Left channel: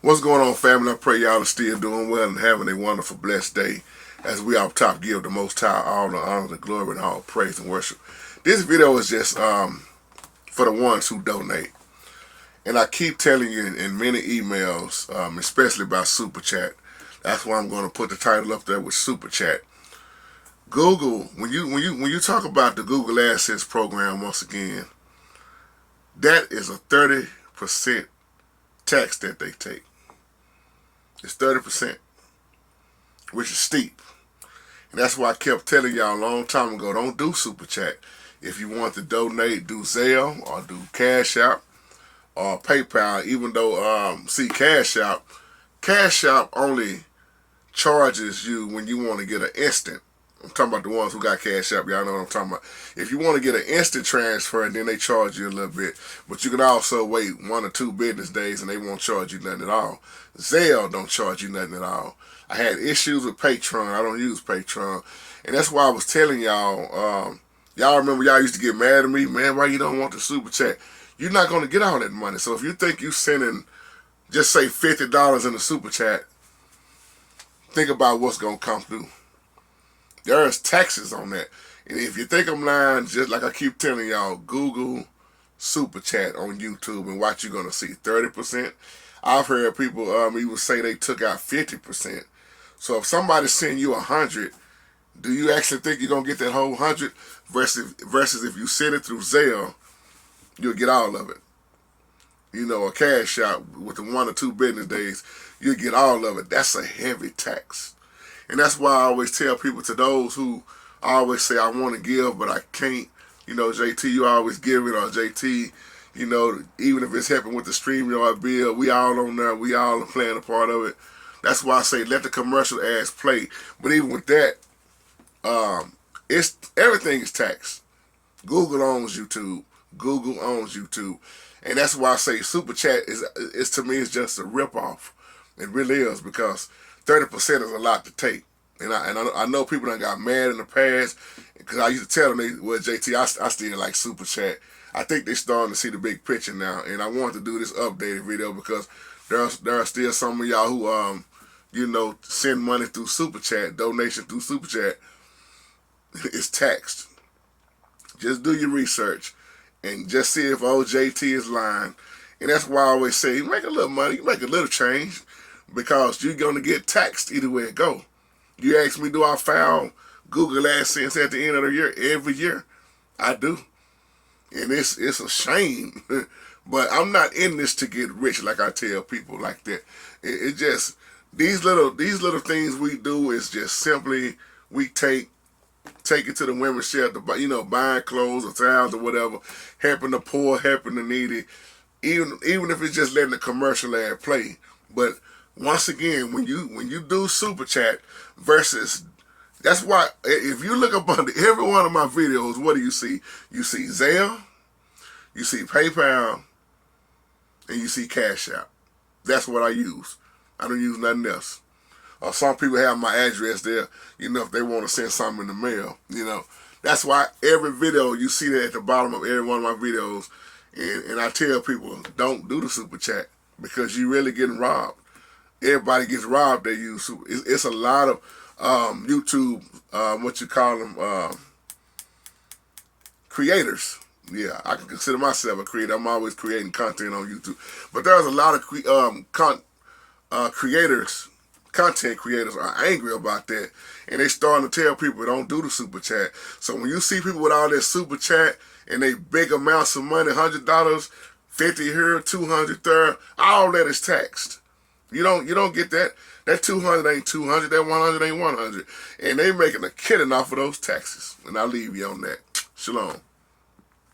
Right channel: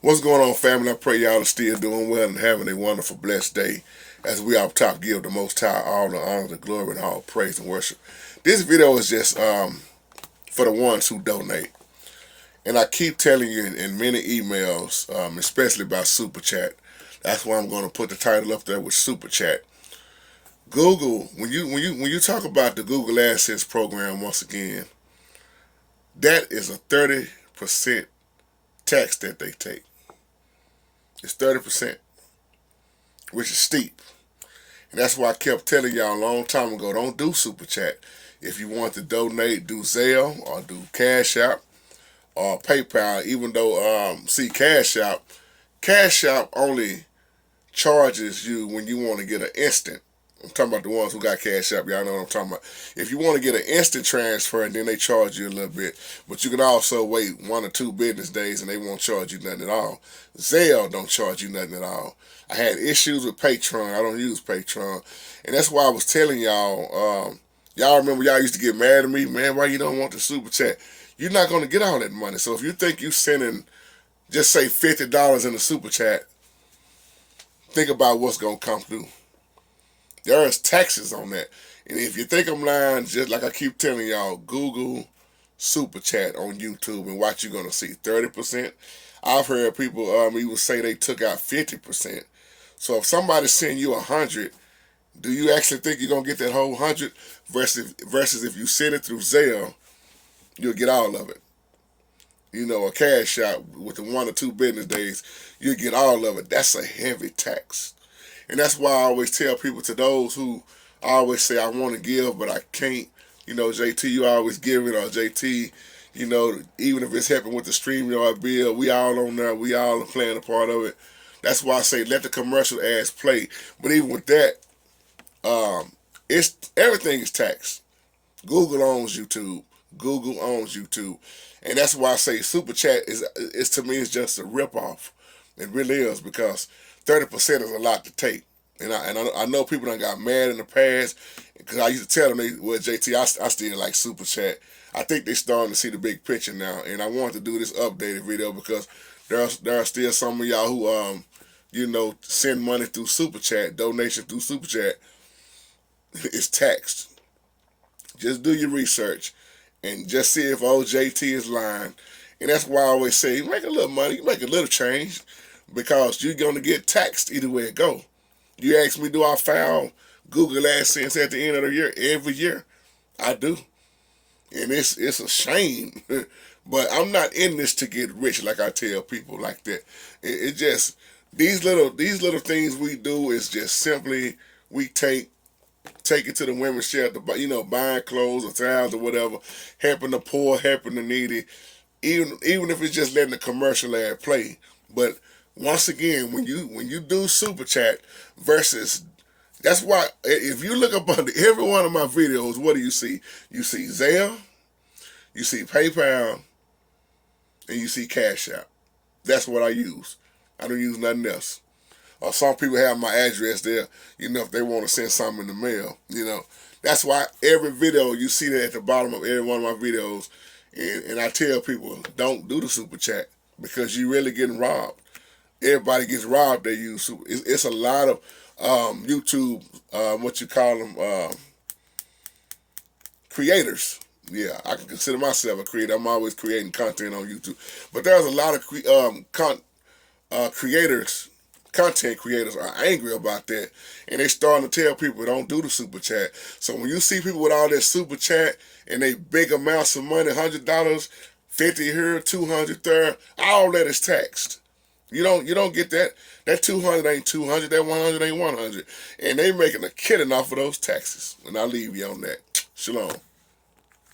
What's going on, family? I pray y'all are still doing well and having a wonderful, blessed day. As we up top give the Most High all the honor, the glory, and all praise and worship. This video is just for the ones who donate. And I keep telling you in many emails, especially about SuperChat. That's why I'm going to put the title up there with SuperChat. Google, when you talk about the Google AdSense program, once again, that is a 30% tax that they take. It's 30%, which is steep. And that's why I kept telling y'all a long time ago, don't do SuperChat. If you want to donate, do Zelle or do Cash App or PayPal, even though, see, Cash App only charges you when you want to get an instant. I'm talking about the ones who got Cash App. Y'all know what I'm talking about. If you want to get an instant transfer, then they charge you a little bit. But you can also wait 1 or 2 business days and they won't charge you nothing at all. Zelle don't charge you nothing at all. I had issues with Patreon. I don't use Patreon. And that's why I was telling y'all, y'all remember y'all used to get mad at me, man, why you don't want the Super Chat? You're not going to get all that money. So if you think you sending, just say $50 in the Super Chat, think about what's going to come through. There's taxes on that. And if you think I'm lying, just like I keep telling y'all, Google Super Chat on YouTube and watch, you're going to see 30%. I've heard people even say they took out 50%. So if somebody send you 100, do you actually think you're going to get that whole 100? Versus if you send it through Zelle, you'll get all of it. You know, a Cash App with the 1 or 2 business days, you'll get all of it. That's a heavy tax. And that's why I always tell people, to those who always say, I want to give, but I can't. You know, JT, you always give it, or JT, you know, even if it's helping with the StreamYard bill, we all on there. We all are playing a part of it. That's why I say let the commercial ads play. But even with that, everything is taxed. Google owns YouTube. Google owns YouTube. And that's why I say Super Chat is to me, is just a ripoff. It really is, because 30% is a lot to take. And I know people done got mad in the past, because I used to tell them, well, JT, I still like Super Chat. I think they're starting to see the big picture now. And I wanted to do this updated video because there are still some of y'all who, you know, send money through Super Chat, donation through Super Chat. It's taxed. Just do your research and just see if old JT is lying. And that's why I always say, you make a little money, you make a little change, because you're going to get taxed either way it go. You ask me, do I file Google AdSense at the end of the year? Every year. I do. And it's a shame. But I'm not in this to get rich, like I tell people like that. It just, these little things we do is just simply, we take it to the women's shelter, you know, buying clothes or towels or whatever, helping the poor, helping the needy, even if it's just letting the commercial ad play. But once again, when you do Super Chat versus, that's why if you look up under every one of my videos, what do you see? You see Zelle, you see PayPal, and you see Cash App. That's what I use. I don't use nothing else. Or some people have my address there, you know, if they want to send something in the mail, you know. That's why every video, you see that at the bottom of every one of my videos. And I tell people, don't do the Super Chat, because you're really getting robbed. Everybody gets robbed, they use Super. It's a lot of YouTube, what you call them, creators. Yeah, I can consider myself a creator. I'm always creating content on YouTube. But there's a lot of creators, content creators are angry about that. And they starting to tell people, don't do the Super Chat. So when you see people with all that Super Chat and they big amounts of money, $100, 50 here, 200 there, all that is taxed. You don't get that. That 200 ain't 200, that 100 ain't 100. And they making a killing off of those taxes. And I'll leave you on that. Shalom.